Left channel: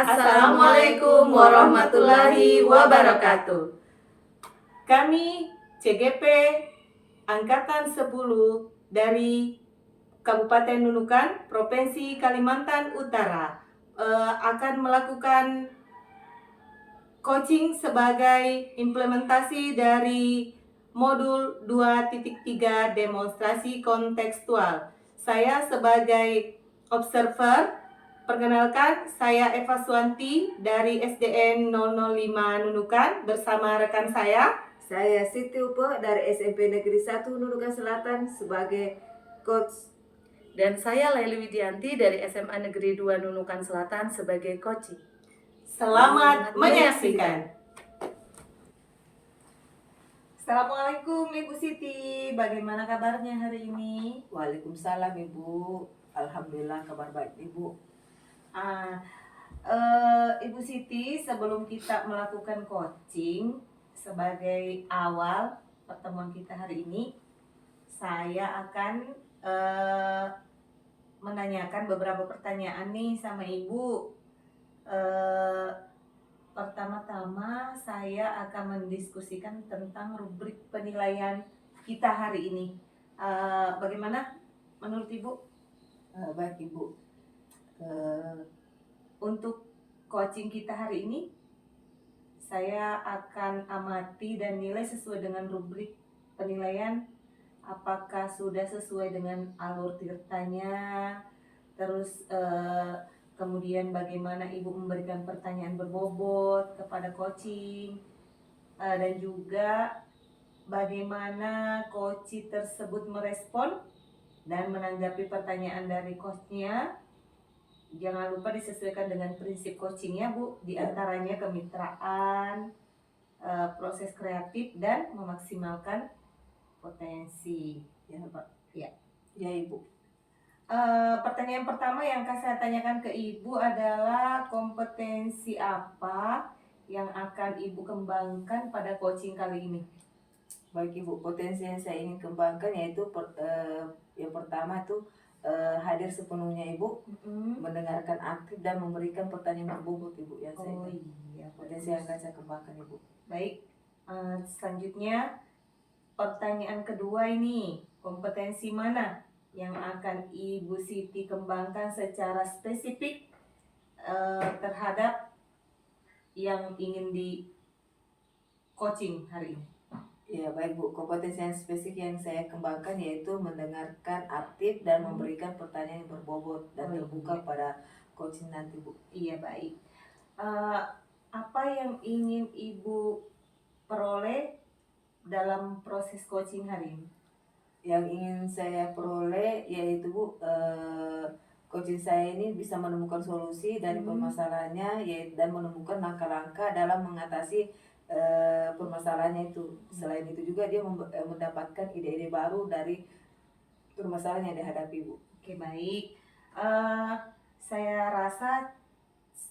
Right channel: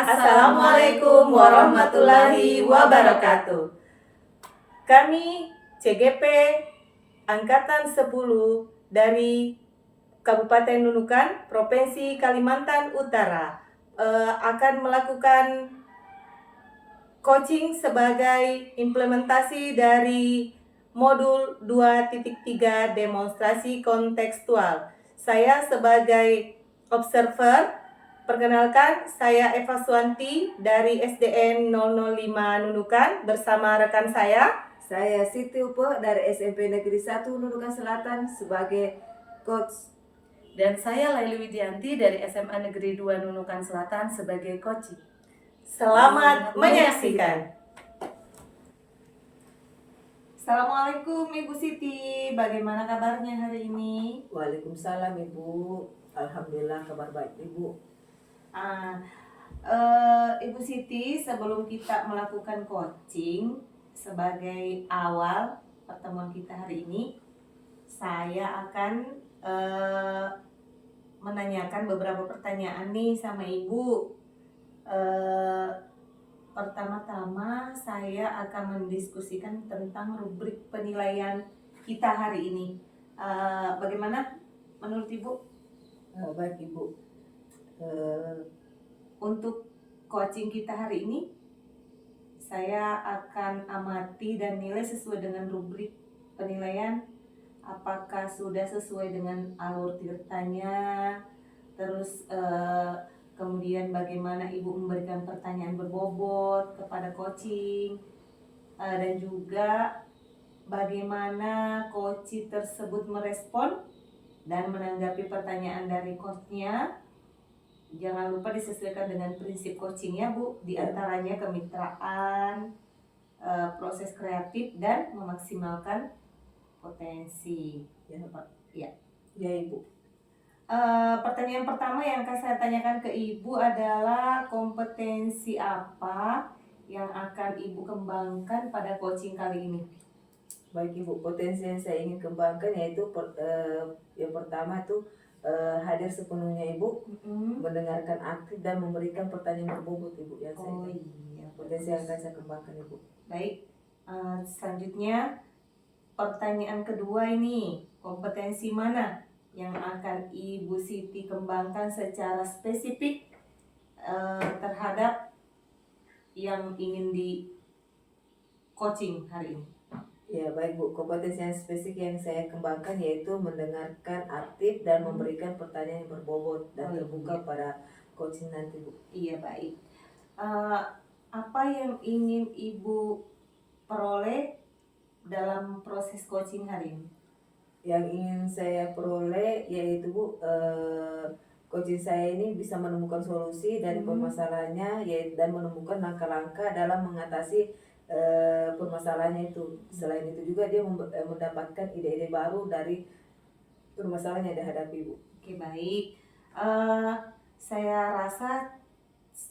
Assalamualaikum warahmatullahi wabarakatuh. Kami CGP Angkatan 10 dari Kabupaten Nunukan, Provinsi Kalimantan Utara akan melakukan coaching sebagai implementasi dari modul 2.3 demonstrasi kontekstual. Saya sebagai observer, perkenalkan saya Eva Suwanti dari SDN 005 Nunukan bersama rekan saya Siti Upo dari SMP Negeri 1 Nunukan Selatan sebagai coach. Dan saya Laili Widianti dari SMA Negeri 2 Nunukan Selatan sebagai coach. Selamat menyaksikan. Assalamualaikum Ibu Siti, bagaimana kabarnya hari ini? Waalaikumsalam Ibu, alhamdulillah kabar baik Ibu. Ibu Siti, sebelum kita melakukan coaching sebagai awal pertemuan kita hari ini, saya akan menanyakan beberapa pertanyaan nih sama Ibu. Pertama-tama saya akan mendiskusikan tentang rubrik penilaian kita hari ini. Bagaimana menurut Ibu? Baik Ibu. Untuk coaching kita hari ini, saya akan amati dan nilai sesuai dengan rubrik penilaian. Apakah sudah sesuai dengan alur tirtanya, terus kemudian bagaimana Ibu memberikan pertanyaan berbobot kepada coaching, dan juga bagaimana coach tersebut merespon dan menanggapi pertanyaan dari coachnya. Jangan lupa disesuaikan dengan prinsip coachingnya Bu, diantaranya kemitraan, proses kreatif, dan memaksimalkan potensi. Ya Ibu. Pertanyaan pertama yang akan saya tanyakan ke Ibu adalah kompetensi apa yang akan Ibu kembangkan pada coaching kali ini? Baik Ibu, potensi yang saya ingin kembangkan yaitu yang pertama itu hadir sepenuhnya Ibu, mendengarkan aktif dan memberikan pertanyaan berbobot Ibu yang potensi yang akan saya kembangkan Ibu. Baik, selanjutnya pertanyaan kedua ini, kompetensi mana yang akan Ibu Siti kembangkan secara spesifik terhadap yang ingin di coaching hari ini? Ya baik Bu, kompetensi yang spesifik yang saya kembangkan yaitu mendengarkan aktif dan memberikan pertanyaan yang berbobot dan terbuka pada coaching nanti Bu. Iya baik. Apa yang ingin Ibu peroleh dalam proses coaching hari ini? Yang ingin saya peroleh yaitu Bu, coaching saya ini bisa menemukan solusi dari permasalahannya dan menemukan langkah-langkah dalam mengatasi permasalahannya itu. Selain itu juga dia mendapatkan ide-ide baru dari permasalahan yang dihadapi Bu. Oke baik, saya rasa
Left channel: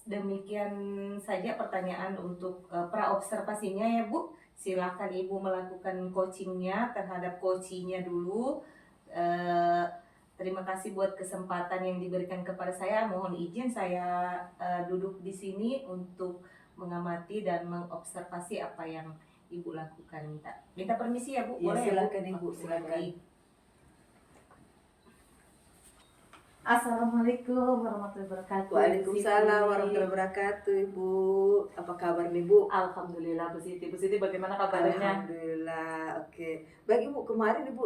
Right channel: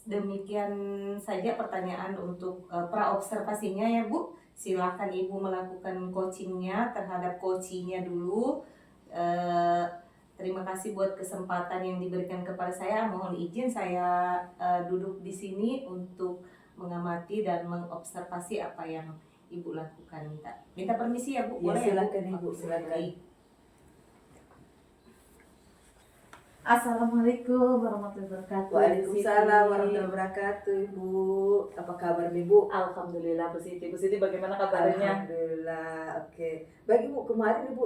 demikian saja pertanyaan untuk praobservasinya ya Bu. Silakan Ibu melakukan coachingnya terhadap coachingnya dulu. Terima kasih buat kesempatan yang diberikan kepada saya. Mohon izin saya duduk di sini untuk mengamati dan mengobservasi apa yang Ibu lakukan. Minta permisi ya Bu, boleh ya Bu? Silakan Ibu, silakan. Assalamualaikum warahmatullahi wabarakatuh. Waalaikumsalam warahmatullahi wabarakatuh Ibu. Apa kabar nih Bu? Alhamdulillah Bu Siti. Bu Siti bagaimana kabarnya? Alhamdulillah, oke. Baik Ibu, kemarin Ibu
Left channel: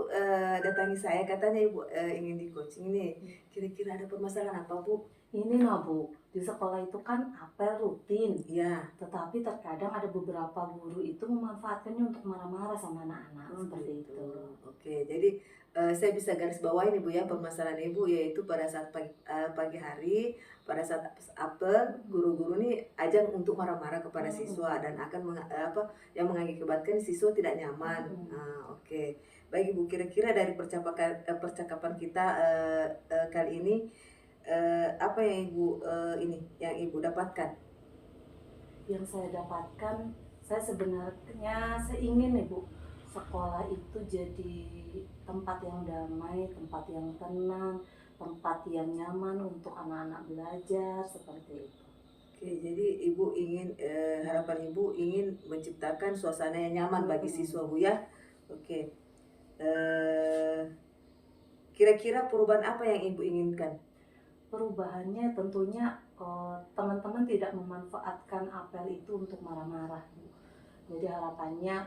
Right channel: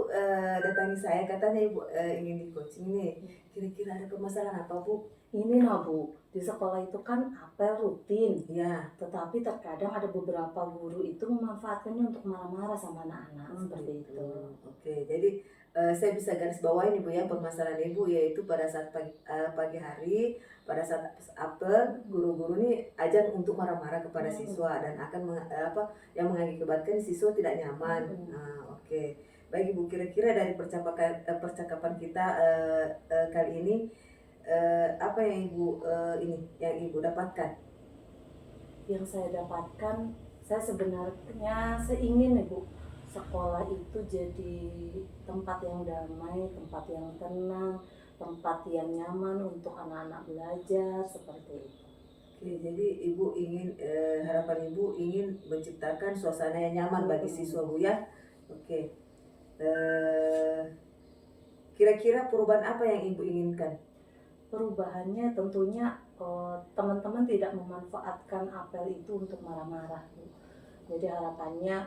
datangi saya katanya Ibu ingin di coaching nih. Kira-kira ada permasalahan apa Bu? Ini Bu, di sekolah itu kan apel rutin. Iya. Tetapi terkadang ada beberapa guru itu memanfaatkannya untuk marah-marah sama anak-anak seperti itu. Oke, jadi saya bisa garis bawahi nih Bu ya permasalahan Ibu, yaitu pada saat pagi hari, pada saat apel, guru-guru ini ajang untuk marah-marah kepada siswa dan akan yang mengakibatkan siswa tidak nyaman. Oke. Baik Ibu, kira-kira dari percakapan kita kali ini apa yang Ibu dapatkan? Yang saya dapatkan, saya sebenarnya ingin Ibu, sekolah itu jadi tempat yang damai, tempat yang tenang, tempat yang nyaman untuk anak-anak belajar seperti itu. Oke, jadi ibu ingin harapan ibu ingin menciptakan suasana yang nyaman bagi siswa bu ya. Oke, eh, kira-kira perubahan apa yang ibu inginkan? Perubahannya tentunya teman-teman tidak memanfaatkan apel itu untuk marah-marah, Bu. Jadi harapannya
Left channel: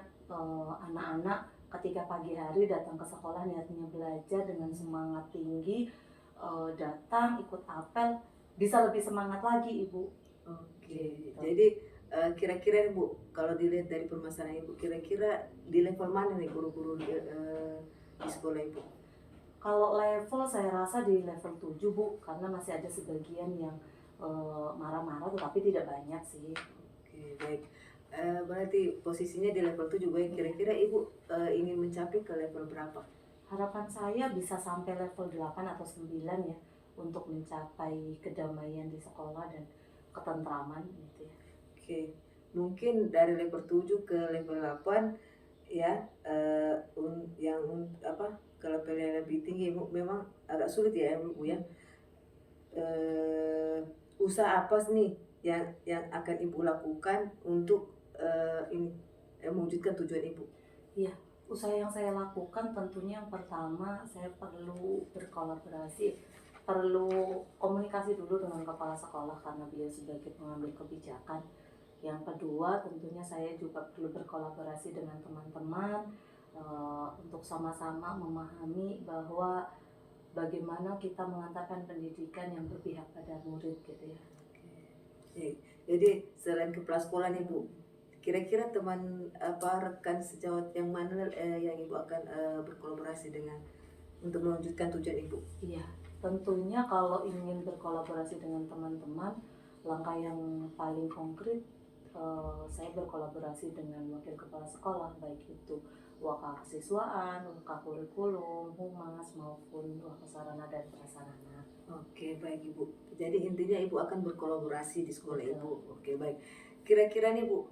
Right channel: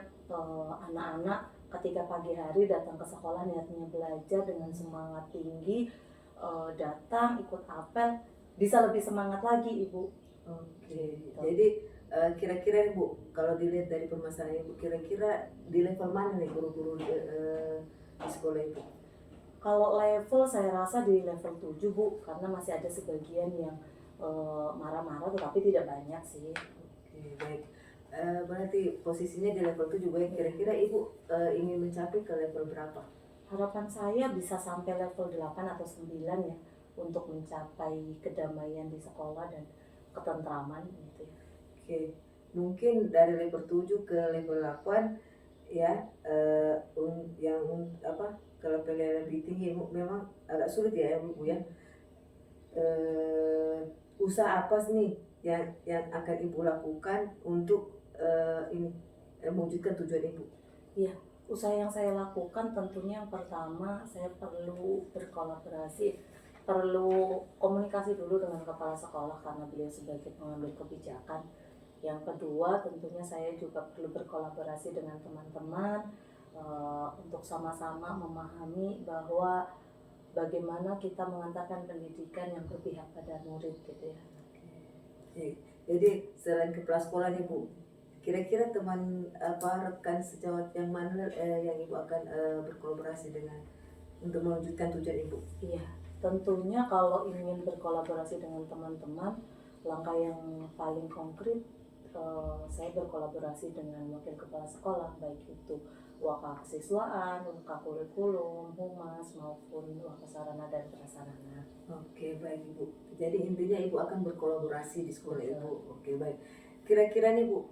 anak-anak ketika pagi hari datang ke sekolah niatnya belajar dengan semangat tinggi, datang ikut apel bisa lebih semangat lagi, Ibu. Oke, jadi kira-kira nih bu, kalau dilihat dari permasalahan ibu, kira-kira di level mana nih guru-guru di sekolah ibu? Kalau level saya rasa di level 7 Bu, karena masih ada sebagian yang marah-marah tetapi tidak banyak sih. Oke, baik. Berarti posisinya di level 7 juga ya. Kira-kira ibu ingin mencapai ke level berapa? Harapan saya bisa sampai level 8 atau 9 ya, untuk mencapai kedamaian di sekolah dan ketentraman gitu ya. Oke, mungkin dari level 7 ke level 8 ya, apa, ke level yang lebih tinggi memang agak sulit ya bu ya. Usaha apa nih yang akan ibu lakukan untuk ini mewujudkan tujuan ibu? Iya, usaha yang saya lakukan tentunya yang pertama saya perlu berkolaborasi, perlu komunikasi dulu dengan kepala sekolah karena beliau sebagai pengambil kebijakan. Yang kedua tentunya saya juga perlu berkolaborasi dengan teman-teman untuk sama-sama memahami bahwa bagaimana kita mengantarkan pendidikan yang berpihak pada murid gitu ya. Oke. Jadi selain kepala sekolah nih bu, kira-kira teman apa rekan sejawat yang mana yang ibu akan berkolaborasi dengan untuk mewujudkan tujuan ibu? Iya, tentunya kalau ingin berkolaborasi dengan teman-teman, langkah yang paling konkret saya berkolaborasi dengan wakil kepala sekolah, baik itu wakasiswaan, wakakurikulum, humas maupun wakasarana dan prasarana. Oke, baik ibu. Jadi intinya ibu akan berkolaborasi di sekolah ibu. Oke, baik. Kira-kira nih bu,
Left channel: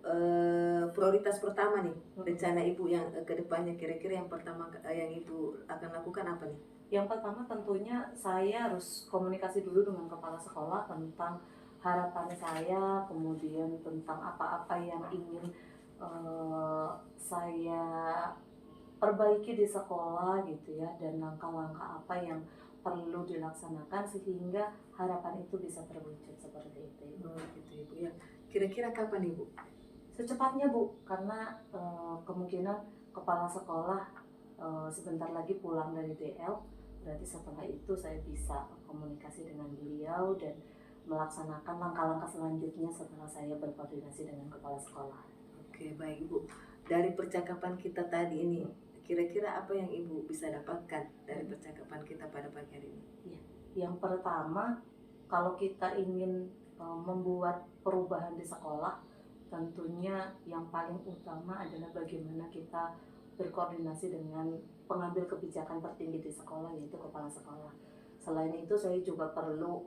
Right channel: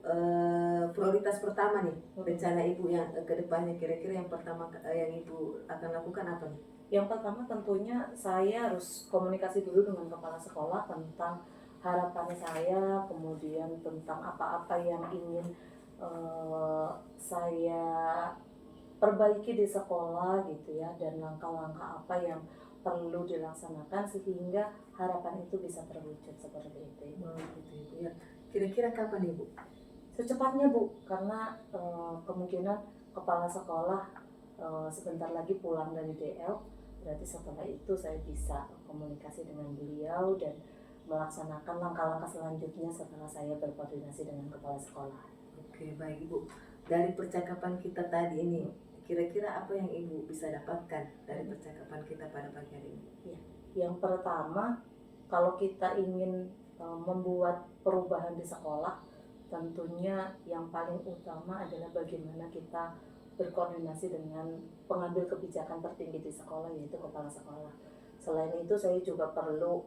prioritas pertama nih rencana ibu yang ke depannya, kira-kira yang pertama yang ibu akan lakukan apa nih? Yang pertama tentunya saya harus komunikasi dulu dengan kepala sekolah tentang harapan saya, kemudian tentang apa-apa yang ingin saya perbaiki di sekolah gitu ya, dan langkah-langkah apa yang perlu dilaksanakan sehingga harapan itu bisa terwujud seperti itu. Gitu ibu ya. Kira-kira kapan ibu? Secepatnya Bu, karena kemungkinan kepala sekolah sebentar lagi pulang dari DL, berarti setelah itu saya bisa komunikasi dengan beliau dan melaksanakan langkah-langkah selanjutnya setelah saya berkoordinasi dengan kepala sekolah. Oke, baik ibu. Dari percakapan kita tadi ini, kira-kira apa yang ibu bisa dapatkan dari percakapan kita pada pagi hari ini? Ya, yang pertama, kalau kita ingin membuat perubahan di sekolah, tentunya yang paling utama adalah bagaimana kita berkoordinasi dengan pengambil kebijakan tertinggi di sekolah, yaitu kepala sekolah. Selain itu saya juga perlu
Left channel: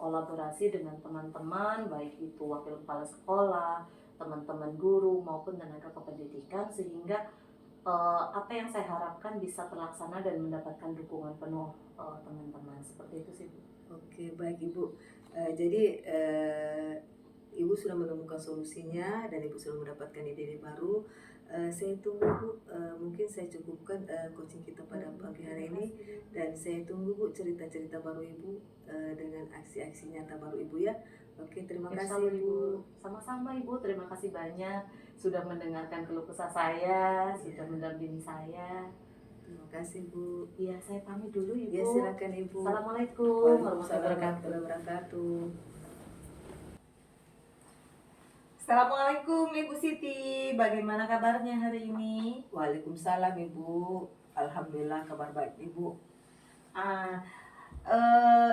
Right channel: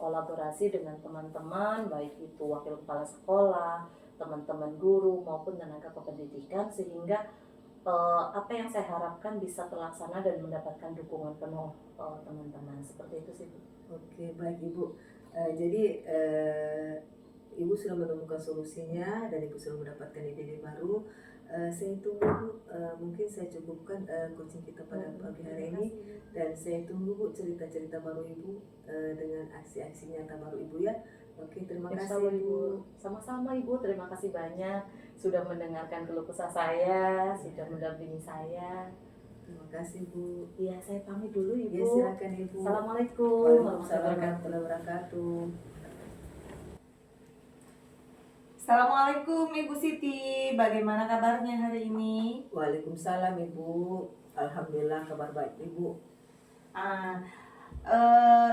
kolaborasi dengan teman-teman, baik itu wakil kepala sekolah, teman-teman guru maupun tenaga kependidikan, sehingga apa yang saya harapkan bisa terlaksana dan mendapatkan dukungan penuh teman-teman. Seperti itu sih Bu. Oke, baik ibu. Jadi ibu sudah menemukan solusinya dan ibu sudah mendapatkan ide baru. Saya tunggu bu, mungkin saya cukupkan coaching kita pada pagi hari ini, dan saya tunggu bu cerita-cerita baru ibu dengan aksi-aksi nyata baru ibu ya. Oke, terima kasih ibu. Sama-sama Ibu, terima kasih banyak sudah mendengarkan keluh kesah saya, sudah mendampingi saya. Terima kasih bu. Iya, saya pamit dulu Ibu. Ya silakan ibu. Assalamualaikum Warahmatullahi wabarakatuh. Assalamualaikum Ibu Siti, bagaimana kabarnya hari ini? Waalaikumsalam ibu. Alhamdulillah kabar baik ibu.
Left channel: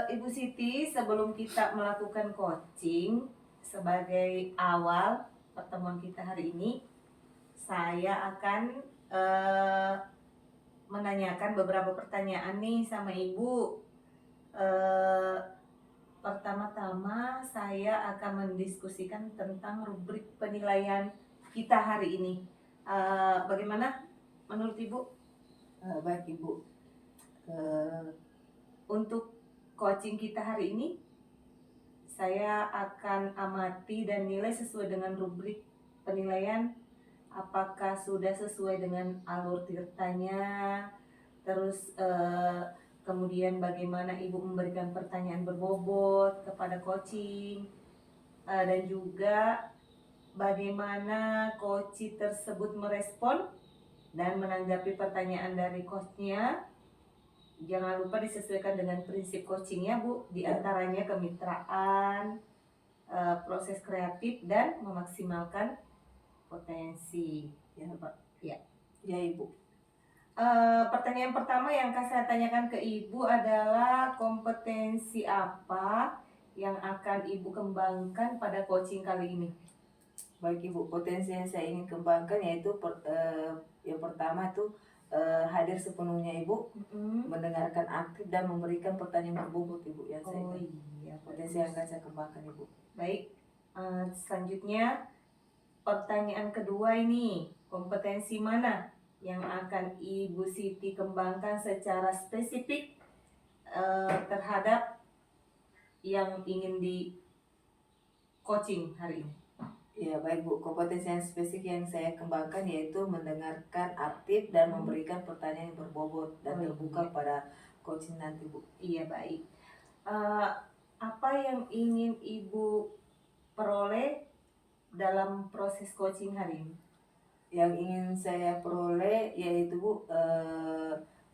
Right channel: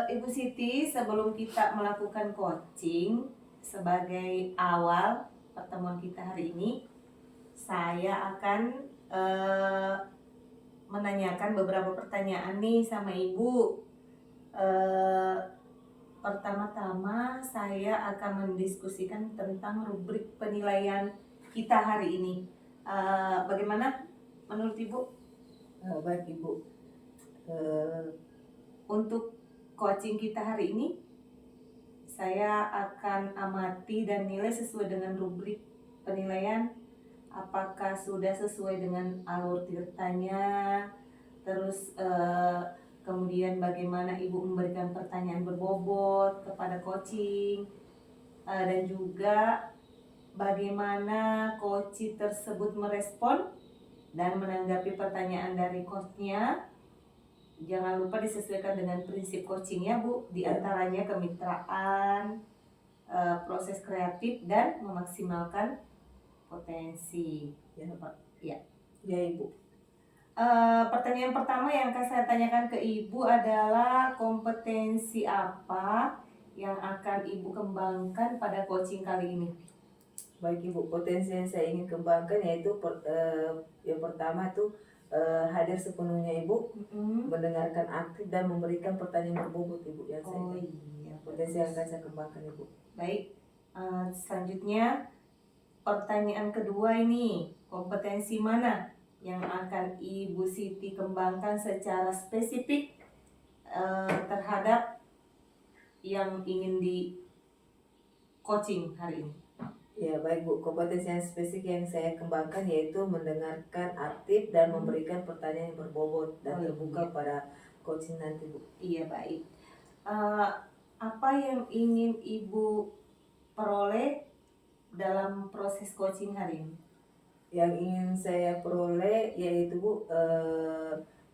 Ibu Siti, sebelum kita melakukan coaching, sebagai awal pertemuan kita hari ini, saya akan menanyakan beberapa pertanyaan nih sama Ibu. Pertama-tama saya akan mendiskusikan tentang rubrik penilaian kita hari ini. Bagaimana menurut Ibu? Baik ibu. Untuk coaching kita hari ini, saya akan amati dan nilai sesuai dengan rubrik penilaian. Apakah sudah sesuai dengan alur tirtanya, terus kemudian bagaimana ibu memberikan pertanyaan berbobot kepada coaching, dan juga bagaimana coach tersebut merespon dan menanggapi pertanyaan dari coachnya. Jangan lupa disesuaikan dengan prinsip coachingnya Bu, diantaranya kemitraan, proses kreatif, dan memaksimalkan potensi. Ya Ibu. Pertanyaan pertama yang akan saya tanyakan ke Ibu adalah kompetensi apa yang akan Ibu kembangkan pada coaching kali ini? Baik Ibu, potensi yang saya ingin kembangkan yaitu yang pertama tuh hadir sepenuhnya Ibu, mendengarkan aktif dan memberikan pertanyaan berbobot Ibu yang potensi yang akan saya kembangkan Ibu. Baik, selanjutnya pertanyaan kedua ini, kompetensi mana yang akan Ibu Siti kembangkan secara spesifik terhadap yang ingin di coaching hari ini? Ya baik Bu, kompetensi yang spesifik yang saya kembangkan yaitu mendengarkan aktif dan memberikan pertanyaan yang berbobot dan terbuka pada coaching nanti Bu. Iya baik. Apa yang ingin Ibu peroleh dalam proses coaching hari ini? Yang ingin saya peroleh yaitu Bu,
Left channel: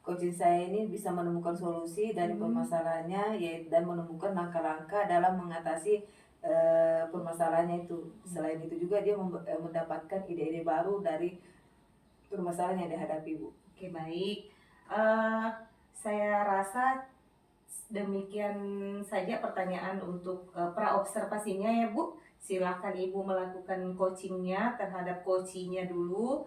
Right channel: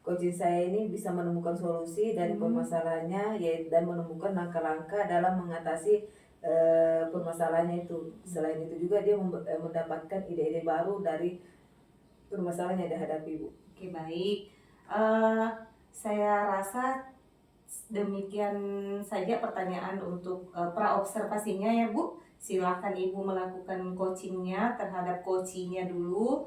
coaching saya ini bisa menemukan solusi dari permasalahannya dan menemukan langkah-langkah dalam mengatasi permasalahannya itu. Selain itu juga dia mendapatkan ide-ide baru dari permasalahan yang dihadapi Bu. Oke baik, saya rasa demikian saja pertanyaan untuk praobservasinya ya Bu. Silahkan Ibu melakukan coachingnya terhadap coachingnya dulu.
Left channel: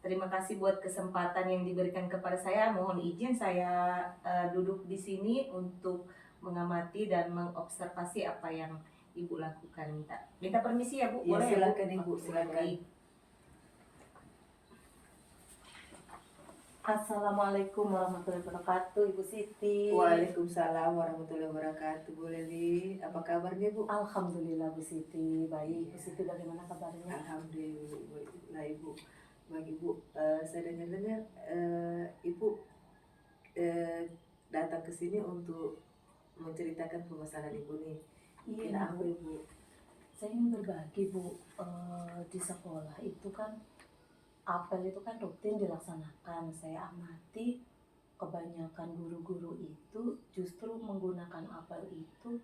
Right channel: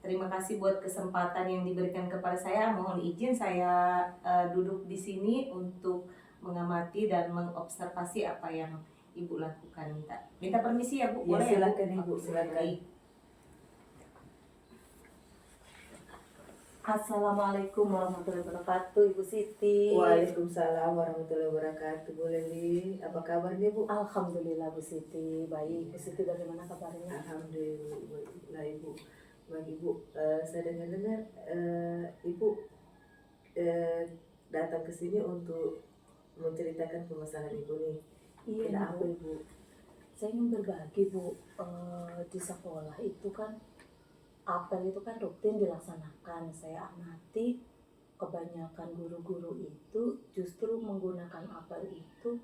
Terima kasih buat kesempatan yang diberikan kepada saya. Mohon izin saya duduk di sini untuk mengamati dan mengobservasi apa yang Ibu lakukan. Minta permisi ya Bu, boleh ya Bu? Silakan Ibu, silakan. Assalamualaikum warahmatullahi wabarakatuh, Ibu Siti. Waalaikumsalam warahmatullahi wabarakatuh. Boleh Li, apa kabar nih Bu? Alhamdulillah Bu Siti, baik. Bu Siti bagaimana kabarnya? Alhamdulillah Ibu. Baik Ibu, saya dengar Ibu datang ke sini untuk menceritakan permasalahan Ibu nih. Iya Kenapa Bu. Ibu? Saya ingin berbagi Bu, di sekolah itu kan apel itu kan rutin dilaksanakan. Saya amati kebanyakan guru-guru itu justru menggunakan apel itu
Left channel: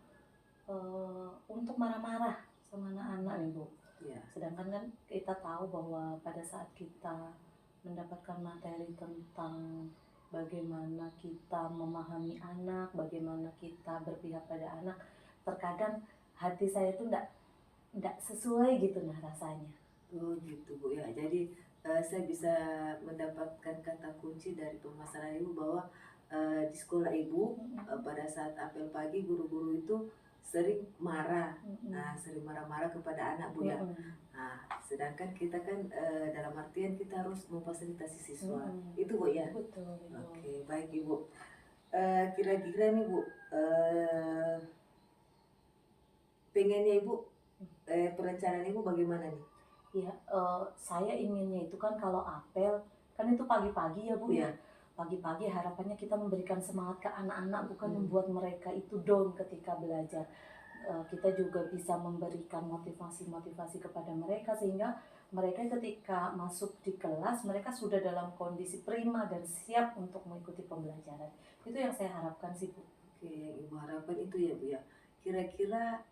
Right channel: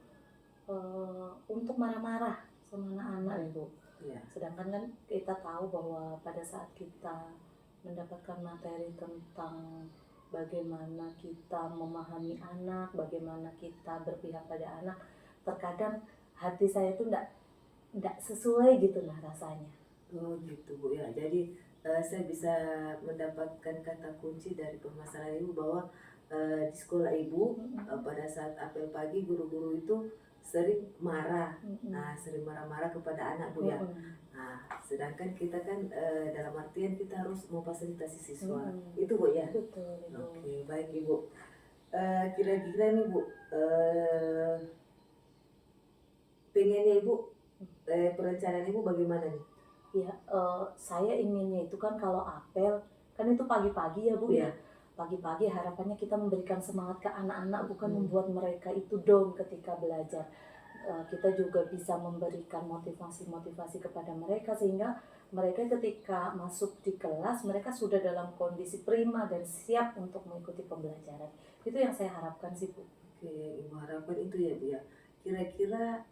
untuk marah-marah sama anak-anak nih Bu. Ya. Sedangkan kan kita tahu bahwa pada saat kita mendapatkan materi tentang bagaimana kita memahami anak, bagaimana kita berpihak pada anak, terkadang hati saya itu enggak sesuai gitu nah rasanya. Oh gitu Bu ya. Jadi saya bisa mendapatkan kata kunci dari permasalahan Ibu bahwa di sekolah Ibu pada saat apel pagi guru-guru itu sering marah, sering marah-marah kepada anak Bu ya. Nah, sedangkan kita kan dalam artian kita harus memfasilitasi siswa, itu Bu ya. Betul. Oke, baik Ibu. Kira-kira nih Bu, pengennya Ibu, perencanaan Ibu bagaimana nih? Ya, saya inginnya itu kan kalau apel kan itu pagi-pagi ya Bu ya. Pagi-pagi harapannya kita memberikan semangat ke anak-anak, bukan membuat mereka itu down ketika belajar. Kita juga bisa memberikan motivasi-motivasi kepada mereka sehingga mereka ketika masuk di kelas mereka sudah dalam kondisi prima dan siap untuk mengikuti pembelajaran. Itu yang saya harapkan sih Bu. Oke, yang Ibu harapkan itu ya Bu ya. Kira-kira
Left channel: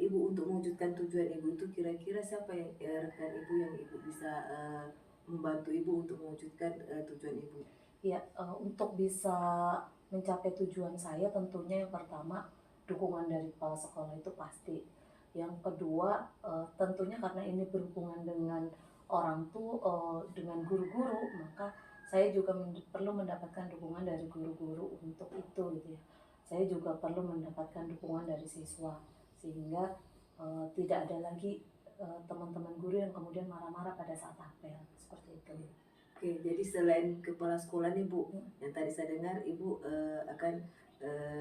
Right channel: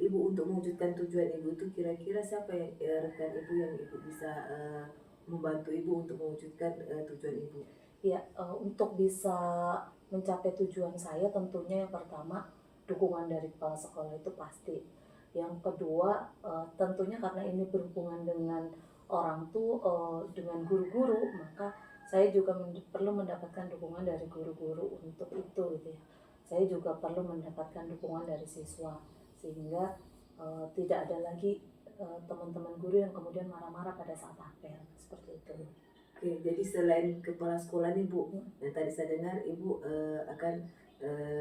Ibu untuk mewujudkan tujuan Ibu itu kira-kira siapa yang rekan Ibu yang Ibu bisa membantu Ibu untuk mewujudkan tujuan Ibu? Ya, untuk bisa mencapai tujuan saya tentunya yang pertama dukungan dari kepala sekolah itu pasti. Yang kedua tentunya karena ini berhubungan dengan orang tua, dengan guru-guru, maka saya juga perlu mendapatkan dukungan dari guru-guru untuk itu gitu ya. Saya juga perlu mendapatkan dukungan dari siswa sehingga tidak ada lagi teman-teman guru yang kemudian marah-marah pada saat apel seperti itu. Oke, jadi selain kepala sekolah nih Bu, yang tadi saya dengar Ibu akan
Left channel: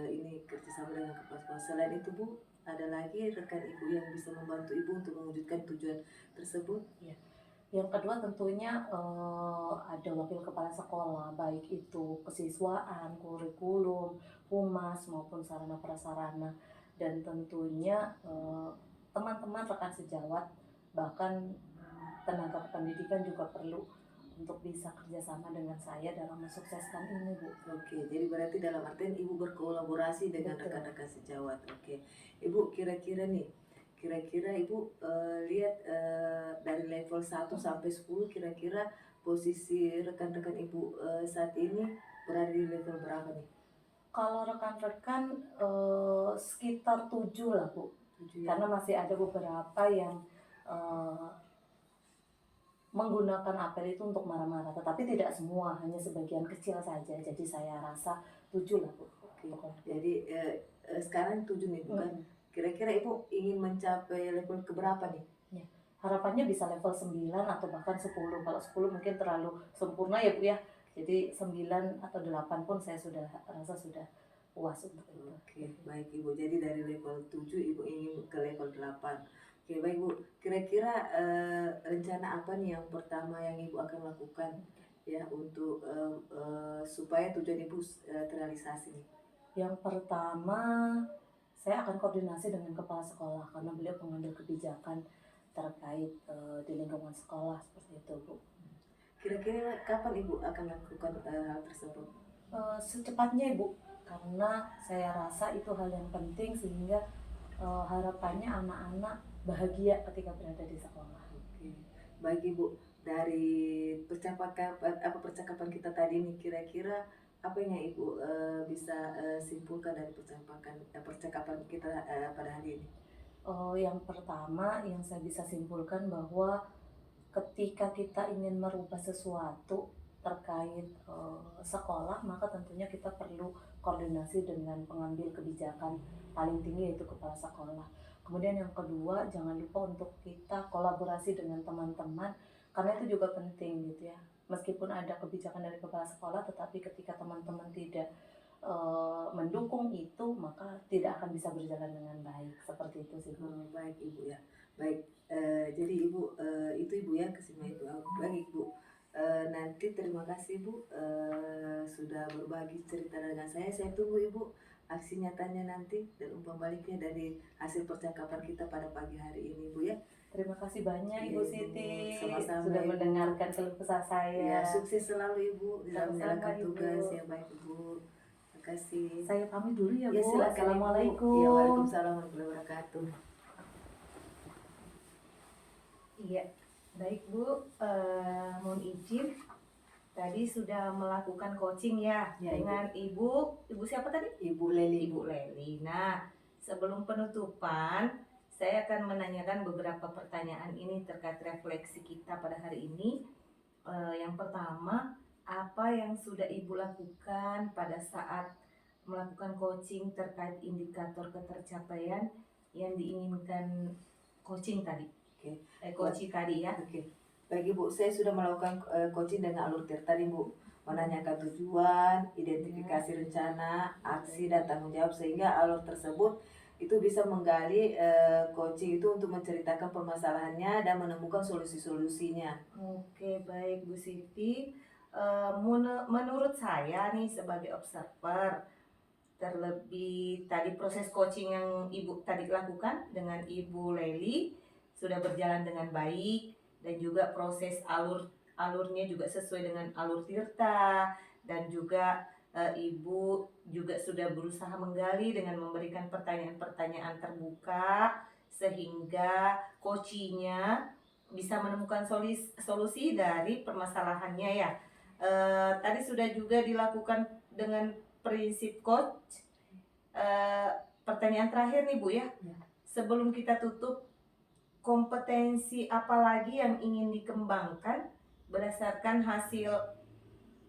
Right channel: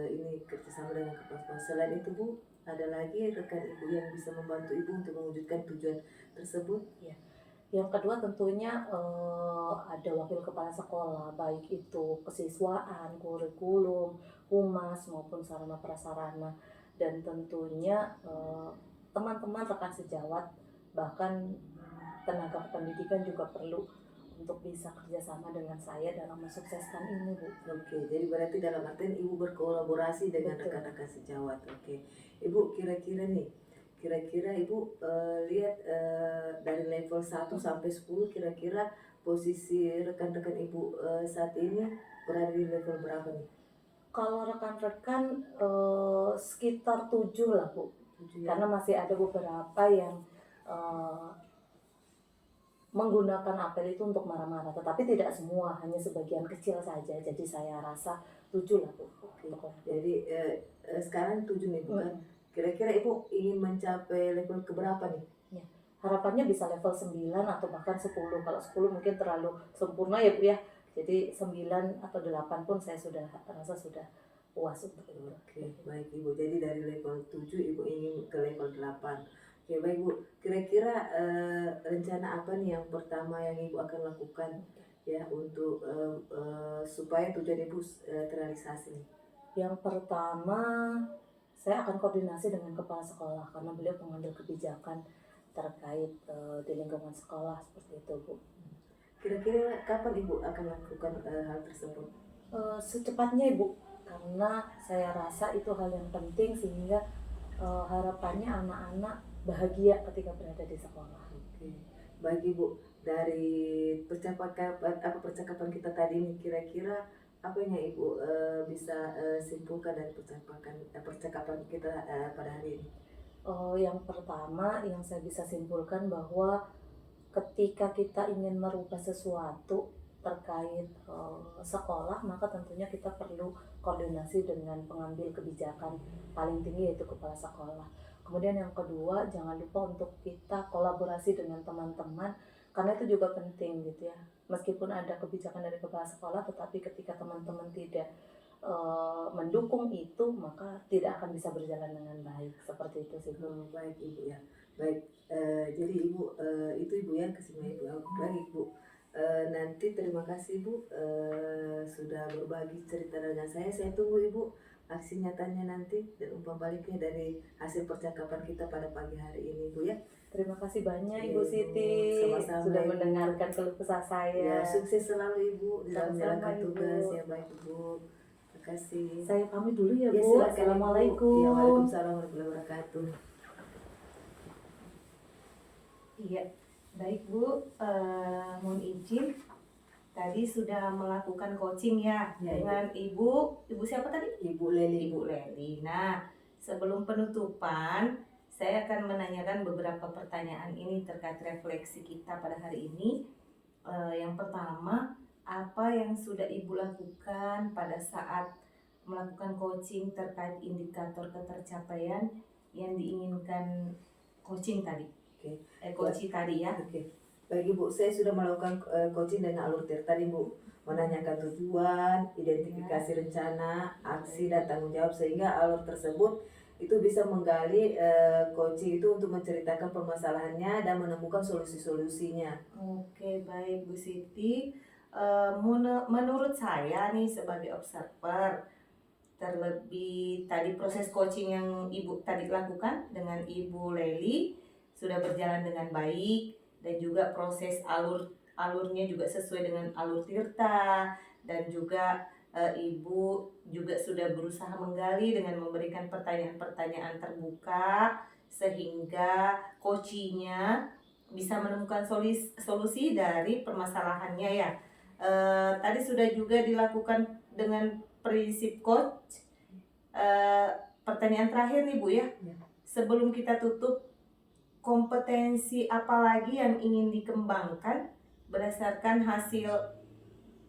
ini kerjasama bersama dengan kepala sekolah. Selain itu Bu, ada lagi rekan Ibu yang bisa membantu Ibu untuk mewujudkan tujuan tersebut? Yang kedua tentunya ada wakil kepala sekolah, baik itu kesiswaan, kurikulum, humas maupun sarana prasarana, dan tentunya teman-teman rekan sejawat, bahkan tenaga pendidikan juga perlu untuk bisa kerjasama dengan saya dalam mensukseskan ini, Bu. Oke, jadi berarti dalam artian Ibu berkolaborasi dengan Betul. rekan-rekan sejawat. Oke, Ibu kira-kira Ibu lihat dari level 1 sampai 10 kira-kira posisi rekan-rekan Ibu saat ini berada di level berapa nih? Kalau rekan-rekan sekitar 7 lah, Bu. 7 ya? Karena masih ada beberapa yang menggunakan apel itu untuk marah-marah, tetapi tidak semua, hanya sebagian kecil saja. Jadi saya rasa 7 lah, Bu. Oke, jadi sekarang 7 nih bukan? Kira-kira Ibu ingin mencapai level keberapa nih? Harapannya bisa level 9 atau bahkan 10. Kalau 10 mungkin terlalu sempurna ya, Bu ya. Jadi 9 atau 8 pun saya sudah rasa sudah puas untuk itu. Oke, baik Ibu. Jadi dari level 7 Ibu ingin ke level 8. Oke, baik Bu. Kira-kira rencana apa nih yang pertama yang Ibu akan lakukan ya untuk supaya tujuan Ibu terrealisasi? Yang pertama, saya akan koordinasi dengan kepala sekolah karena beliau pengambil kebijakan terkait di lingkungan sekolah, seperti itu, Bu. Kira-kira kapan Ibu akan lakukan hal tersebut? Secepatnya, Ibu, karena saya rasa itu hal yang penting sehingga harapannya anak-anak bahagia ketika berada di sekolah. Oke, baik Ibu. Dari percakapan kita tadi nih, kira-kira apa yang Ibu bisa simpulkan dari percakapan kita pada hari ini? Yang pertama yang saya bisa simpulkan bahwa ketika kita ingin merubah sesuatu terkait sekolah, maka tentunya kita perlu koordinasi dengan pengambil kebijakan paling tinggi, yaitu kepala sekolah. Kemudian yang kedua, jangan lupa untuk kita kolaborasi dengan teman-teman, karena itu juga penting gitu ya. Meskipun ada kebijakan dari kepala sekolah, tetapi ketika teman-teman tidak mendukung itu, maka tidak akan bisa berjalan dengan baik. Seperti itu sih, Bu. Baik Ibu ya. Baik, jadi Ibu itu Ibu ya kesimpulan Ibu. Baik Ibu, nanti terima kasih Bu sudah berbagi cerita dengan saya. Saya tunggu Ibu aksi nyatanya nanti dan umpan baliknya dari hasil percakapan kita pada pagi hari ini Bu ya. Terima kasih banyak Iya, Ibu Ibu. Siti Sama-sama, sudah Ibu. mendengarkan keluh kesah saya. Ya, sukses selalu Ibu dalam Sama-sama, menjalankan Ibu. tugas ya. Baik Ibu, terima kasih. Saya pamit dulu ya, Ya, Bu. silakan, Ibu. Assalamualaikum. Ya, waalaikumsalam warahmatullahi wabarakatuh. Iya, baik Bu. Mohon izin. Tadi sudah melakukan coaching ya, Ya, dengan Ibu siapa tadi? Ibu Leli. Ibu Leli. Nah, sebelum penutupan, saya akan menanyakan beberapa pertanyaan ini terkait refleksi kita pada hari ini. Yang pertama, apa yang sudah Ibu lakukan pada saat melakukan coaching terkait indikator ketercapaian yang diinginkan coaching tadi? Coaching tadi ya. Oke. Baik Ibu, saya sudah melakukan coaching dengan alur tirta nih Bu, menanyakan tujuan, identifikasi rencana, aksi dan tanggung jawab, sehingga alur tersebut itu bisa menggali coaching itu untuk menceritakan permasalahannya dan menemukan solusi-solusinya. Oke, baik Bu Siti. Menurut saya nih sebagai observer, terlebih tadi proses coaching yang Ibu tadi lakukan dengan Ibu Leli sudah berjalan dengan baik, dan juga proses alurnya juga sesuai dengan alur tirta, dan juga Ibu juga sudah berusaha menggali dengan memberikan pertanyaan-pertanyaan terbuka sehingga coachingnya bisa menemukan solusi dari permasalahannya ya. Tadi sudah juga dilakukan dengan prinsip coach. Pertanyaan terakhir nih Bu ya, sebelum kita tutup, kompetensi apa lagi yang ingin dikembangkan berdasarkan hasil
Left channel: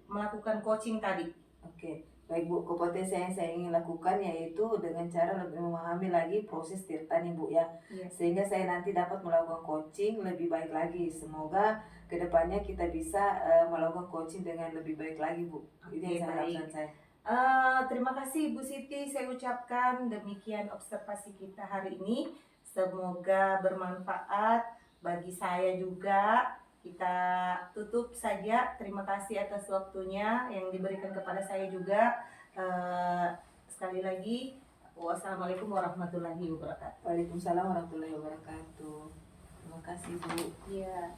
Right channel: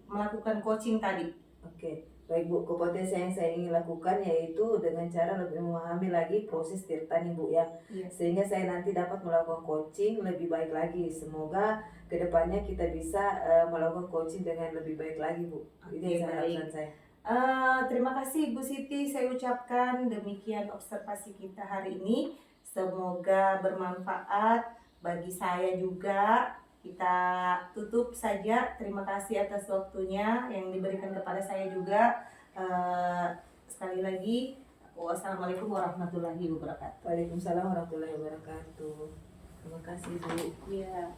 melakukan coaching tadi? Oke, baik Bu, kompetensi yang saya ingin lakukan yaitu dengan cara lebih memahami lagi proses tirta nih Bu ya. Sehingga saya nanti dapat melakukan coaching lebih baik lagi. Semoga kedepannya kita bisa melakukan coaching dengan lebih baik lagi Bu. Itu yang saya harapkan saya. Terima kasih Bu Siti, saya ucapkan demikian observasi kita hari ini. Semoga bermanfaat bagi saya juga. Kita tutup saja. Terima kasih atas waktunya yang diberikan kepada saya juga. Sekali lagi, wassalamualaikum warahmatullahi wabarakatuh. Waalaikumsalam warahmatullahi wabarakatuh. Terima kasih Bu. Iya.